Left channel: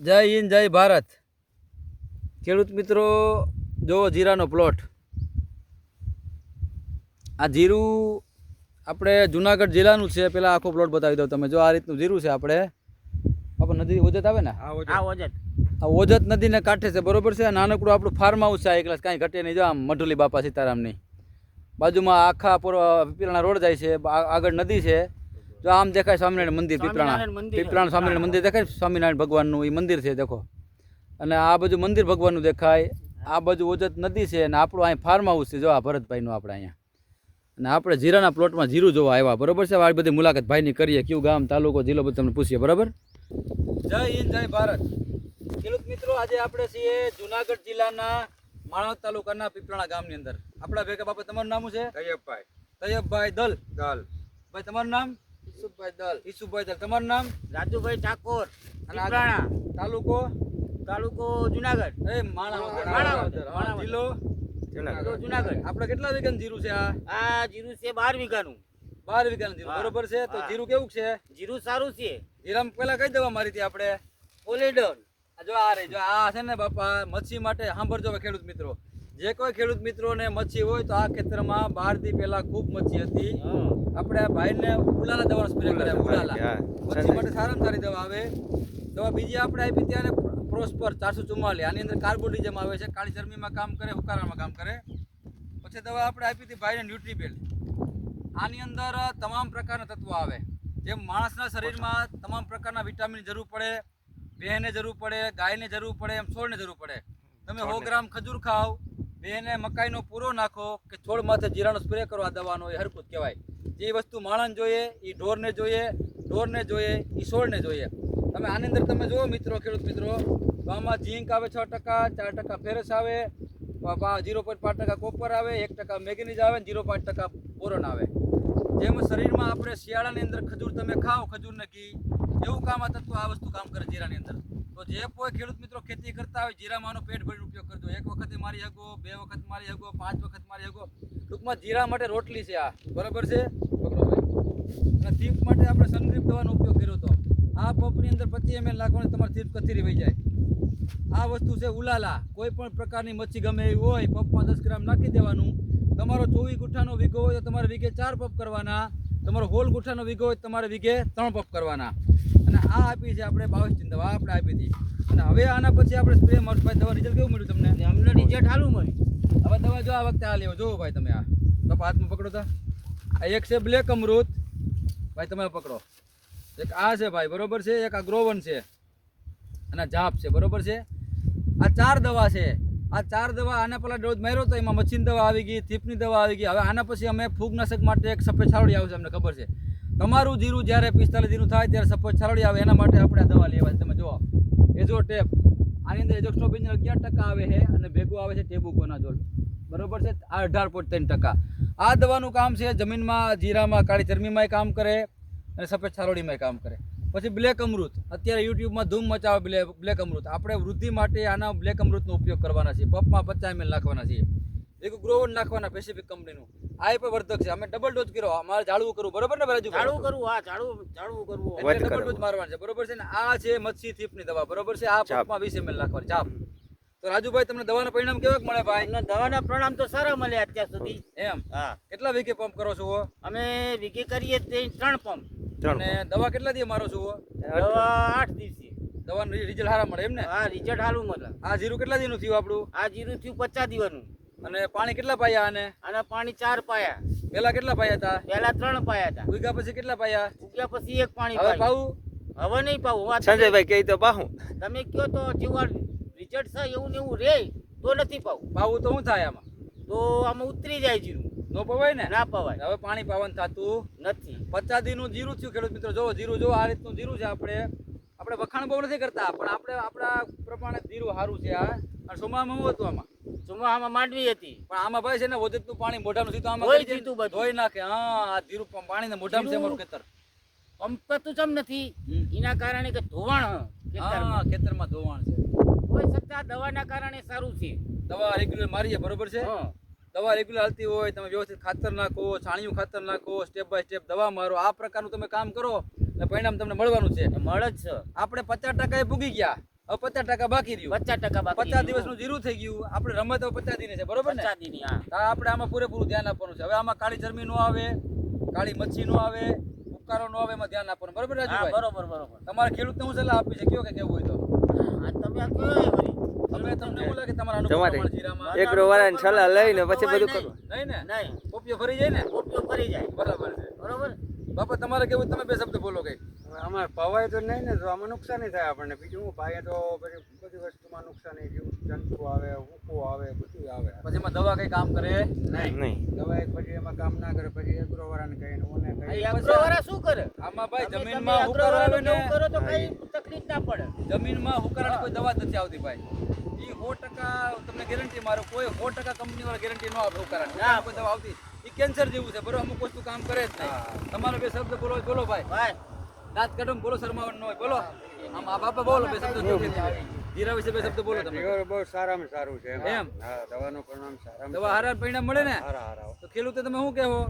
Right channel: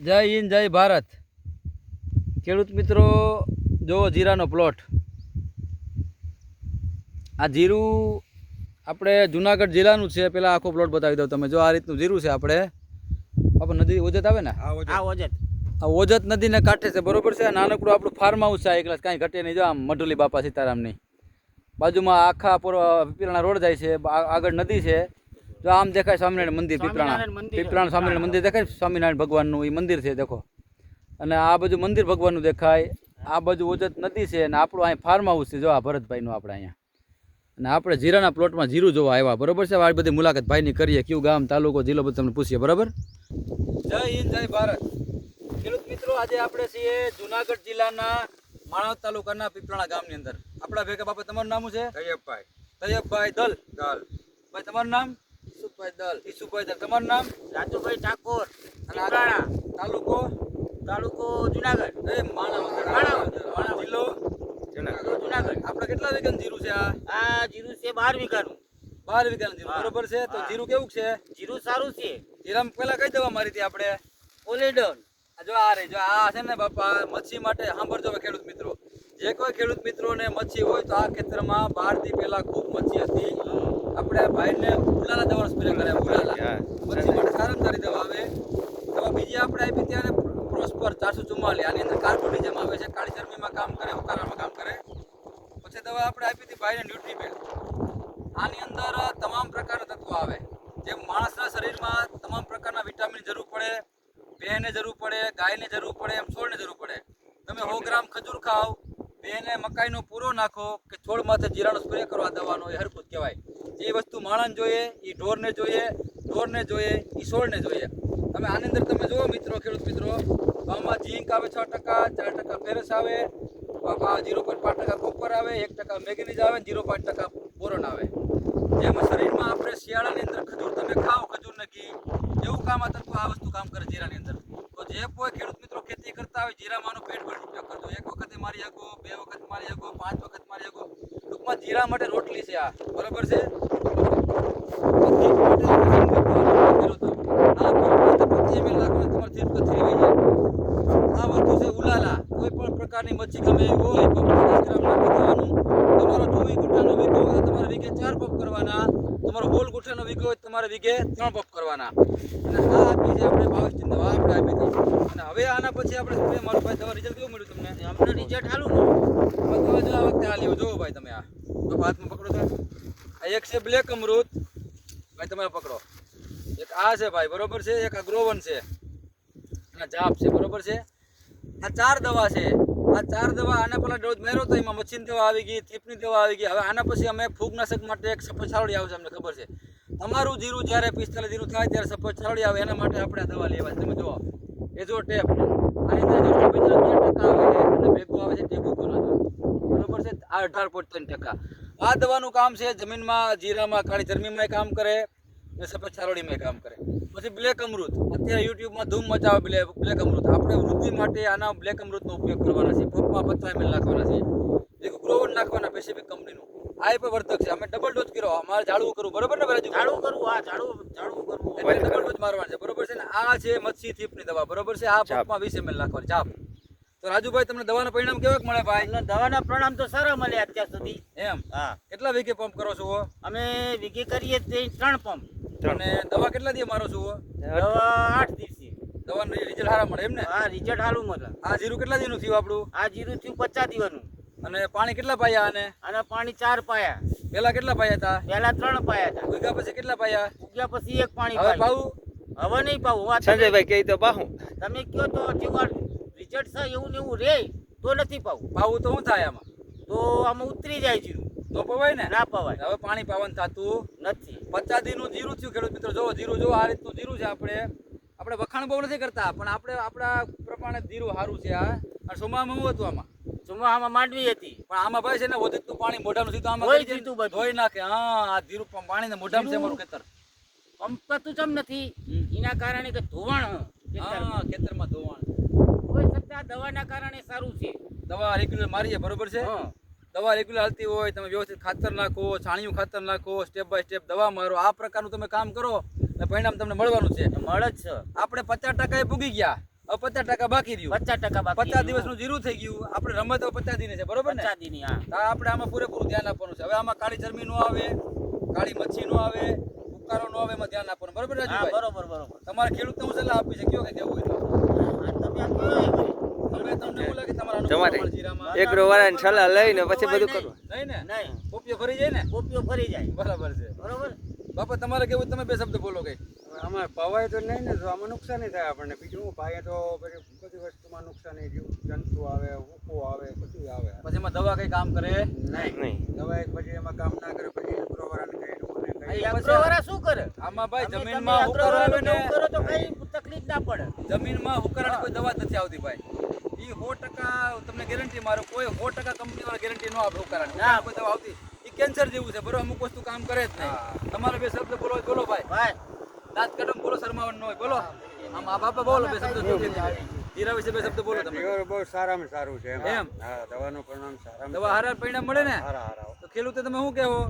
જય હિન્દ જય ભારત. ખેડૂત મિત્રો જો જીરાનો પ્લોટ આ જીરું આપણે જુનાગઢ જિલ્લાનું છે પેલા આખો પ્લોટ બતાવી દઉં તમે જો આ રીતનું જીરું છે આપણે. આપણે નદી ઓજત આવે ને? આ ઓજત. આ ઓજત. નદીને કાંઠે છે બરોબર છે? નાનકડું આપણું ફાર્મ હાઉસ છે આ એકલા કાંઈ ઘટે નહીં. જો આમ મઢુલી બાપા સીતારામની. બાજુમાં આખા પૂર્વ પીરાણા રોડ જાય છે આગળ નદી છે. જો આમ દેખાય સ્વામિનારાયણ મંદિર પીપરાણા. પીપરાણા સ્વામિનારાયણ મંદિર દેખાય? સ્વામિનારાયણ ભગવાનનું એ મંદિર છે દેખો. અને આ બાજુ મંદિર ભગવાનનું દેખાય. આ બાજુ ઓજત નદી છે અને આપણું અહીં ફાર્મ હાઉસ છે. જો આ ભરતભાઈનું આપણે અહીંયા. અને આપણે જીરાના પ્લોટમાં જીરું જોવા આવ્યા. બરોબર છે? આ બધી મુલાકાત ભાઈની કરીએ. કયું ગામ તાલુકો જિલ્લો બધું તમને પૂછીએ. બરાબર? જય હિન્દ જય ભારત. ખેડૂત મિત્રો આજે આપણે છીએ જુનાગઢ જિલ્લાના માણસ તાલુકાના પીપળાણા ગામની અંદર. આપણા ભેગા બાપા તમારું નામ છે? તૈયબભાઈ. તૈયબભાઈ દલ. દલ. ભાઈ તમારું નામ? ઈસુભાઈ દલ. ઈસુભાઈ દલ. તમારું નામ? રાજુભાઈ ઠાકોર પીપળાણા તાલુકો? તાલુકો જુનાગઢ. એ માણાવદર માણાવદર. જિલ્લો? જુનાગઢ જુનાગઢ. આપણે કેટલા વીઘાનું જીરું છે આ? આ જીરું છે 12 વીઘાનું. 12 વીઘાનું જીરું. બરોબર છે? તો જીરું કેવું છે? જીરું સારું છે. જીરામ પહેલા કઈ દવા મારી હતી આપણે ઓલેડન આ જો આ રહી જો આ છે ને બાપા મચ્છી માટે સાંભળજો ખેડૂત મિત્રો. જે કોઈ ખેડૂત મિત્રોને મચ્છી હોય તો આ ખેતરમાં બારથી પહેલા ખૂબ મચ્છી હતી. આપણે ભાઈને ઉલાલા દવાનો સ્પ્રે કર્યા ઉલાલા પછી માટે સારામાં સારી દવા આવે. દવા બીજી આપણે આપી ત્યારે પ્રોસ્પર ચારસો ચુમ્માલીસ. આની અંદર કાર્બોડિઝમ આવે છે કાળી ચરબીમાં કામ કરે ઉકાળામાં કામ કરે. પછી દવા આપણે આપી હતી ભાઈને ન્યુટ્રીબેલ આની અંદર તમામ પ્રકારના તત્વો આવે. જેમ માણસના શરીરમાં તમામ પ્રકારના વિટામિન જરૂર પડે ભેંને જરૂર પડે ગાયને જરૂર પડે એમ છોડને જરૂર પડે. તમે સો ગ્રામ ખજૂર ખાઓ ભેંને મકાઈનો પૂરો નાખો કે છોડ માથે જીરાનો સ્પ્રે કરવા દવાનો એ હરકત કહેવાય. જે વસ્તુ માણસ જોઈએ એ ઢોરને જોઈએ ઢોરને જોઈએ એ છોડને જોઈએ. તમે આની અંદર તમે જુઓ મિત્રો, ખેડૂત મિત્રો તો આમાં આવે છ ટકા, ચાર ટકા ફેરસ આવે જીરો પોઈન્ટ પાંચ ટકા કોપર આવે, એક ટકા મેગ્નીઝ આવે, જીરો પોઈન્ટ ટકા બોરોન આવે. જેમ શરીરમાં આપણે શિયાળાની અંદર ખજૂર, તમે ખાઓ ખજૂર નક્કી એવું કામ આ તત્વ આ વસ્તુ કામ કરે જીરાની અંદર. તો જે કોઈ ખેડૂત મિત્રો કરતા હોય જીરામાંનો પેટ ભરીને ઉપયોગ કરતો એક વખતે મારી આગો બે વખત મારી આગો પાંચ વખત મારી આગો ટૂંકમાં જીરા માટે રોટલી છે આ. બરોબર છે? માટે આ પચીસ નાખવાનું તમારે થીપ કથીરી વહી જાય. આ વસ્તુ છે ઉલાલા. કોઈ પણ પ્રકારની મચ્છી ગમે એવી હોય પંપ ગ્રામ નાખી દેવાનું. તમારો ચોવીસ ગુઠ્ઠાનો વીઘો હોય તો તમારે વીઘે ચાર પંપ કરવાના. તમારો હોલ ગુઠ્ઠાનો વીઘો હોય તમારે વીઘે ત્રણ પંપ કરવાના. અને આ આપી છે આપણે બાવીસની દવા આપણે આપી હતી અને હવે આના પછી આપણે સ્પ્રે મારું ભાઈ દવા રિઝલ્ટ કેવું મળ્યું તમને? અમને રિઝલ્ટ સારું હવે તમે જો આ વખતે હાલ્યો જોવો ભાઈ તમે આ. તો હાથમાં પકડો તા. આ એક છે બ્લેક અમૃત. ભાઈ તમે પકડો. એક આ છે ભાઈ, બરોબર છે? એક આ ગ્રોવન છે. અને જાપ છે, બરોબર છે? આ ચાર દવા છે. આ ચાર દવા આના પહેલા ડોઝ માર્યો તો એમાં મચ્છીની દવા આવી ગઈ, થીપની દવા આવી ગઈ. હવે આના પછી અમે ફૂગનાશક માટે એક સફેદ છાવડી આવશે, અમને ખબર છે. તમારું જીરું જ્યારે પિસ્તાલીસ જીરું થાય ત્યારે સફેદ છાવડી આવે, એના માટે આપણે આ દવા લેવા તમે જુઓ. એ જો ટેપ. આની અંદર જો સફેદ અગિયાર ટકા આવે છે અને ભેગું આવે છે ટેબુ બરોબર છે? અઢાર પોઈન્ટ ત્રણ ટકા. આ દવાનું કામ છે જમીનમાં, જીરામાં, કાળી ચરમીમાં કામ કરે. અને સફેદ છારોડીમાં કામ કરે. પછી બ્લેક અમૃત. અત્યારે યુટ્યુબમાં ધૂમ મચાવે બ્લેક બ્લેક અમૃત. આપણે વૃદ્ધિ માટે આના બ્લેક અમૃતનો ઉપયોગ કરવાના છીએ. પપમાં પચાસ એમએલ નાખવાના છીએ. એક ગ્રોવર નાખવાના પેસિફિક કંપનીનું આ એ પણ વર્ધક છે. અમે ડબલ ડોઝ કર્યો. અમારે ઝાડવું કરવું. બરોબર ને રાજુ ઝાડવું કરવું. હા ઝાડવું ઝાડવું કરવું. એટલે ડબલ ડોઝ મારવાનો છે. બરોબર છે ને? આ છે મચ્છી થીપની દવા. બરોબર છે? આ પપમાં વીસ એમએલ નાખવાની. ચાપ. તો રાજુભાઈ તમને દવાના પરિણામ કેવા મળે ભાઈ? દવાના પ્રણામ તો સારા મળે અત્યાર સુધી. એમ? હા. કેટલા વીઘે પંપ કરો છો અમે વીઘે કરીએ તે ત્રણ પંપ અને દવા કેટલા દી મારો છો દવા આઠ દિવસી દવાનું રિઝલ્ટ સારા મળે એમ ને? હા રિઝલ્ટ સારું મળે. આ જીરું કેટલા દીનું થયું આપણું? આ જીરું થયું પચાસ દિવસનું. અને પાણી કેટલા પાયા આને? અને પાણી ચાર પાયા. પેલા કેટલા પાયા હતા? પહેલા ત્રણ પાયા હતા. ઉગ્યા પછી કેટલા પાયા? ઉગ્યા પછી એક પાણી હવે. પાવું? હવે નહીં પાવું. વાત સંજયભાઈ કહી તો પાહું. તમે કયો તો જેવા રિઝલ્ટ છે એવું ને એવું રે તો નથી પાવું. પાવું તો શું થાય આમાં? તો આમાં ઉતરી જાય જીરું. નો પવાય ને? ના પવાય. હવે પાણી પાવાનું થતું નથી. પચાસ દીનું જીરું થયું ખેડૂત મિત્રો. જો જીરું જો આ રીતનું જીરું છે આપણે. આપણે વખાણ બહુ નથી કરતા પણ આપણે આપણા પ્રમાણે જીરું સારું છે આ અને સોમામાં હતું આમાં? ચોમાહામાં માંડવી હતી. પણ આમાં ભાઈ છે ને વધુ પાણી મોઢાનું સીધું આમાં કરી દીધું ધોઈ નાખે. હા આ જીરું પાણી ને મોઢામાં છે અમારું ખેતર. પંપતું ચમ નથી? એના કારણે કે ધોવાણ હા ખેતરમાં. ધોવાણ છે. કોઈ સત્તા દવાના કારણે સારું છે. દવા રેગ્યુલર મારીએ બરોબર છે? હા. દવા રેગ્યુલર હાલતી હોય તમે વ્યવસ્થિત ખાતર નાખો છાણિયું ખાતર નાખો સ્ટેપ બાય સ્ટેપ દવા મારો. આ પ્રકારનું તમે કામ કરો એટલે પરિણામ તમને મળવાનું છે. મળે જ છે. આપણે પચાસ ટકા એ પૂગી ગયા. હવે પચાસ ટકા બાકી રહ્યું. પચાસ ટકા પચાસ દિવસનું જીરું થઈ ગયું. આપણે રમત હવે પચાસ દિને છે બરોબર ને? પચાસ દીની હા. આપણે આમાં પૂરેપૂરું ધ્યાન આપવાનું છે. હવે આમાં કાળી ચરમી નો આવે કાળી મચ્છી નો આવે ઉપકારો નો આવે એમાં ધ્યાન આપવાનું. બરોબર બરોબર બરોબર. તમારે ખેડૂત હું સલાહ આપી છે કયો કે કેવું હોય તો? તમે આ કયો તમારા એક વાળાની સલાહ લઈને પછી બધું કરવું નહીં ને? નહીં પોપિયો ફરી જાય ને? ઉપયોગ ફરી જાય. બરાબર છે. બરાબર? બાપા તમારે કેવું? તમે બે શબ્દ બોલો કઈ. અમારે આમાં પવાય તો નહીં ને તો આમાં નુકસાની થાય આપણને. બીજું હું પાયે તો પછી બધી વસ્તુમાં નુકસાની જીવ જંતુ આવે હુકો આવે બધું આવે. પછી એમાં દવા કઈ કામ કરે? નહીં. નહીં. દવા એક પછી એમાં કામ ના કરે. પછી અગ્રવાળાને કહીએ ને મને આ કહીએ શું કરે? આમાં ભાઈ જમીનમાં તમે આવે ને કરો તો કઈ તકલીફ ના પડે. જમીનમાં હુકારાની કોઈ દવા નથી આવતી ભાઈ. ઈ સો ટકા તમને ગેરંટી મારો કોઈ સો ટકા કંપની વાળા ગેરંટી ન આપે હુકારાની ના. કોઈ દવા આવતી. ઈ કેન્સર જેવું છે બરોબર? અમુક વસ્તુ કામ કરે જ નહીં. તમારે બે શબ્દ બોલો બોલો ભાઈ. ભાઈ. દાંત કડમ બોલો શરમાવાનું ન હોય બોલો. આમ આ બાપા બોલો બે શબ્દ હીરા વિશે બે શબ્દ બોલો તમે. બહુ સારામાં સારું છે એમ? હા દવાનું પરિણામ સારામાં દવા હારા પરિણામ મળે ને? સારા હારા. તો ખેડૂતે તમે શું કહેવો?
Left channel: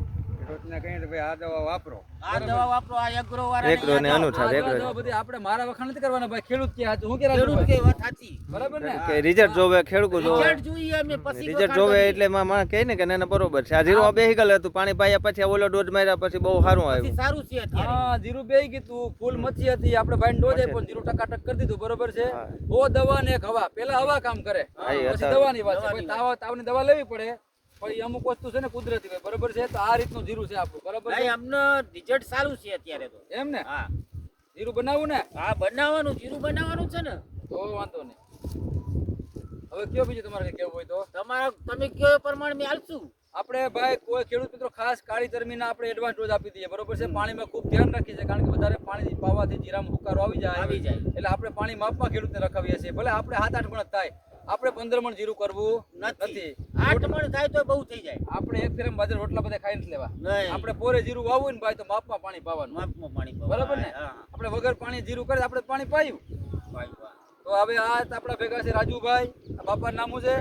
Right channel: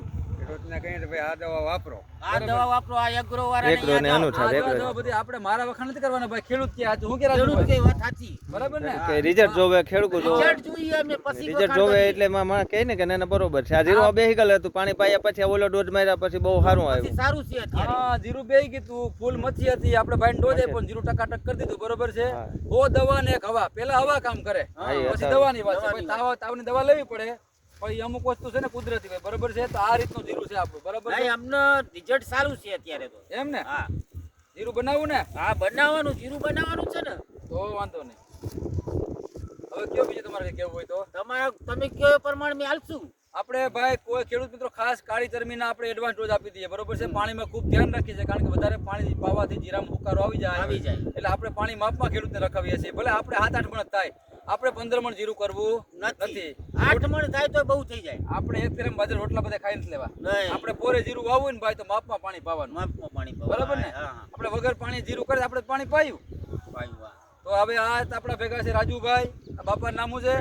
એગ્રો ને આ અનુ- આ અનુસાર દવા એગ્રો બધી આપણે મારા વખાણ નથી કરવાના ભાઈ ખેડૂત કે હું કે ખેડૂત કે વાત સાચી. બરાબર ને? કે રિઝલ્ટ જોવે ખેડૂત જોવે. રિઝલ્ટ જોઈએ અમે પછી રિઝલ્ટ વખાણ જોવે એટલે માં માં કહે ને કે ના ના બરોબર છે. આ જીરો બેહી ગયેલું હતું પાણી પાયા પછી ઓલો ડોઝ માર્યા પછી બહુ સારું આવ્યું. સારું છે હા જીરું બે કીધું ફૂલ મચ્છી હતી આપણે ભાઈ ડોઝ પણ જીરું ટકાટક કરી દીધું બરોબર છે? ઓ દવા ને એક હવા પેલા હવા કામ કરે. પછી દવાની વાત છે. તાવ તાવની દવા લેવી પડે. પછી અમુક વસ્તુ છે ને કુદરતી હોય. બરોબર છે? તો આ રીતનું જીરું છે આપણું. બરોબર છે? ભાઈ અમને રિઝલ્ટ સારું છે અત્યારે તો. એમ ને? હા. જીરું બનાવવું ને? હા બનાવવાનું જીરું બનાવવાનું છે ને. તો વાંધો નહીં. હવે કયો બીજું તમારે કેવું હોય તો? તમારા તમે કયો પ્રમાણે મેં હાલશું આપણે ભાઈ કોઈ ખેડૂત મિત્રો ખાસ કાળી ચરમીના આપણે એડવાન્સ ડોઝ આપી દઈએ. બરોબર છે? પાણીમાં ખૂબ ધ્યાન રાખીએ છીએ કારણ કે વધારે પાણી પાવાથી જીરામાં હુકારો આવી જાય. આવી જાય. એટલે આપણે પાણી માપમાં ખેડૂતને રખાવીએ છીએ. ભલે આપણે સાત આઠ મણ થાય. આપણે પંદર મણ જીરું કરવું નથી. આઠ મણ થાય તો બહુ થઈ જાય. આપણે એક ફેરમ બાજર રોટલા બધા ખાઈ લેવા. આપણે પોરે જીરું વાવવું હોય ને ભાઈ તો માપમાં પાણી પાવાનું. માપમાં પાણી. બરાબર ને? આપણે વગર પાણી જીરું કરે આપણે પાણી પાયું. પાયું, તો હવે આ આપણા ભેગા છે રાજુભાઈ બાપા બાપાનું નામ છે.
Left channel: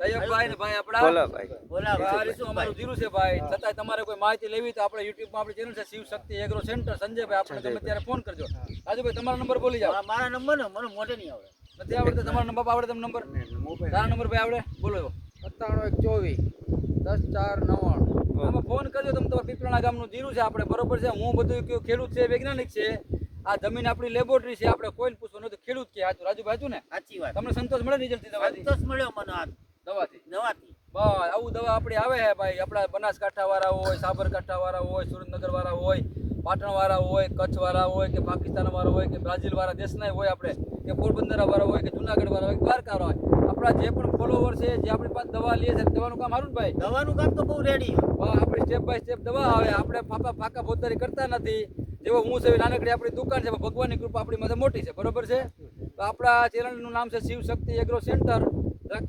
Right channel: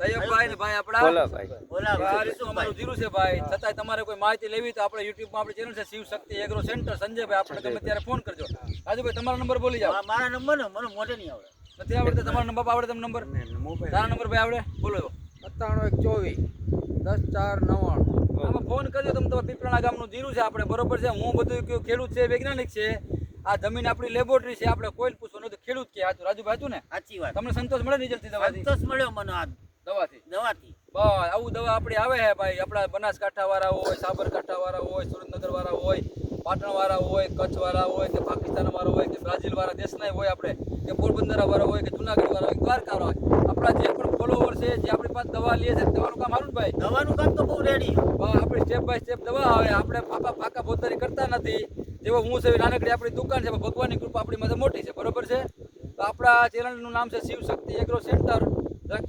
તૈયબભાઈ ને ભાઈ આપણા. બોલો ભાઈ બોલા આ રીતનું અમારું જીરું છે ભાઈ. છતાંય તમારે કોઈ માહિતી લેવી તો આપણે યુટ્યુબમાં આપણી ચેનલ છે શિવ શક્તિ એગ્રો સેન્ટર સંજયભાઈ આપણે તમે ત્યારે ફોન કરજો. રાજુભાઈ તમારો નંબર બોલી જાઓ. મારા નંબર ને મને મોઢે નહીં આવડે. નથી આવડતો? તમારો નંબર આવડે તમને નંબર? તારા નંબર ભાઈ આવડે? બોલો સત્તાણું એક ચોવીસ દસ ચાર નવ્વાણું. ફોન કરજો તમે તમારા પીપળાના ગામનું જીરું છે આપણે બરોબર છે. હું બધું ખેડૂત છે વૈજ્ઞાનિક છે. આ જમીન આપણી લેબોરેટરી છે આપણે કોઈ પૂછવું નથી ખેડૂત કે. હાચું રાજુભાઈ ભાજુ ને? સાચી વાત. તમને સંતોષ મળે રિઝલ્ટથી દવાથી? સંતોષ મળ્યો મને આ દવાથી? દવાથી. બસ આવું દવા આપણી આવે છે ભાઈ. આપણા બનાસકાંઠા વાળા હોય સાબરકાંઠા વાળા હોય સુરેન્દ્રનગર વાળા હોય. પાટણ વાળા હોય કચ્છ વાળા હોય કે પાકિસ્તાન વાળા હોય કે બ્રાઝિલ વાળા દેશના હોય આપણે કે પોરબંદર વાળા હોય કે જુનાગઢ વાળા હોય દ્વારકા હોય. આપણા જે પણ ફોલોવર છે જે આપણી પાસે દવા લે છે દવાનું કામ ને ભાઈ? દવાનું કામ તો બહુ રેડી આપણે સ્ટેપ બાય સ્ટેપ દવા આવે આપણે ફાકા પાકા પોતારી કરતા નથી. જેવો હું છે નાનકડી આપણી દુકાન છે ભગવાનની કૃપા આપણી માટે મોટી છે બરોબર છે? તો આપણા ચેનલનું નામ છે શિવ શક્તિ એગ્રો સેન્ટર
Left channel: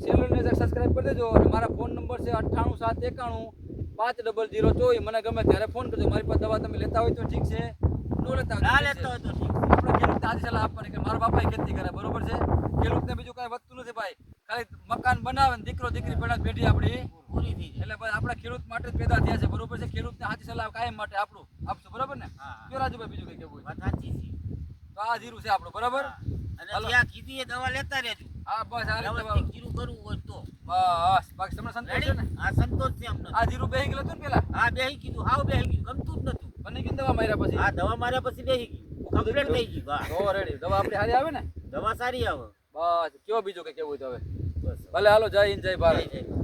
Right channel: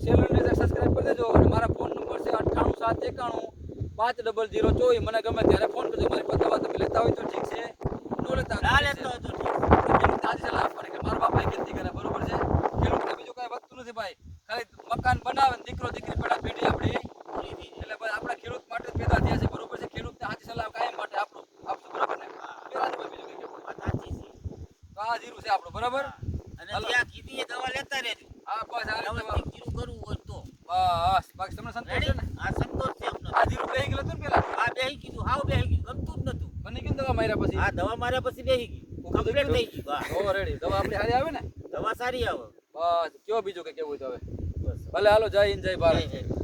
ચેનલને સબસ્ક્રાઈબ કરી દેજો અને મારા ફોન નંબર છે અઠ્ઠાણું સાત એકાણું પાંચ ડબલ જીરો ચોવીસ. મને ગમે ત્યારે ફોન કરજો. મારી પાસે દવા તમે લેતા હોય તો ઠીક છે. ન લેતા ના લેતો હોય તો. ખેડૂત તાજી સલાહ આપવાની કે મારા બાપાએ ખેતી કરે બરોબર છે? ખેડૂતને બીજું કાંઈ વધતું નથી ભાઈ. ખાલી મકાન બનાવે ને દીકરો દીકરી પેલા પેઢી આપણી. એટલે ભાઈ આપણા ખેડૂત માટે પેદા થયા છે બરોબર છે? ખેડૂતને સાચી સલાહ કાયમ માટે આપણું આપશું બરાબર ને? રાજુભાઈ બીજું કઈ કહેવું સાચી છે. તો આ જીરું છે આપણું બરાબર? અને. જ્યાં કીધી દવા લેતા રહેજો. આ બસ આ જીરું કરવું હોય બસ બાકી તમને સંતોષ છે ને? આ સંતોષ છે અમને. આ જીરું બેહી ગયેલું ને પેલા? આ બેહી કીધું હાવ બેહી ગયું ગમતું જ નતું. બની ગયું દવા માર્યા પછી? આ દવા માર્યા પછી બેહી ગયું. કમ્પ્લીટ થઈ ગયું હા. ઓ રેડી દવા આપણી સારી આવે ને? દવા સારી આવે. બસ કયો બીજું કે કેવું હોય તો હવે? બસ. ભલે હાલો જય હિન્દ જય ભારત.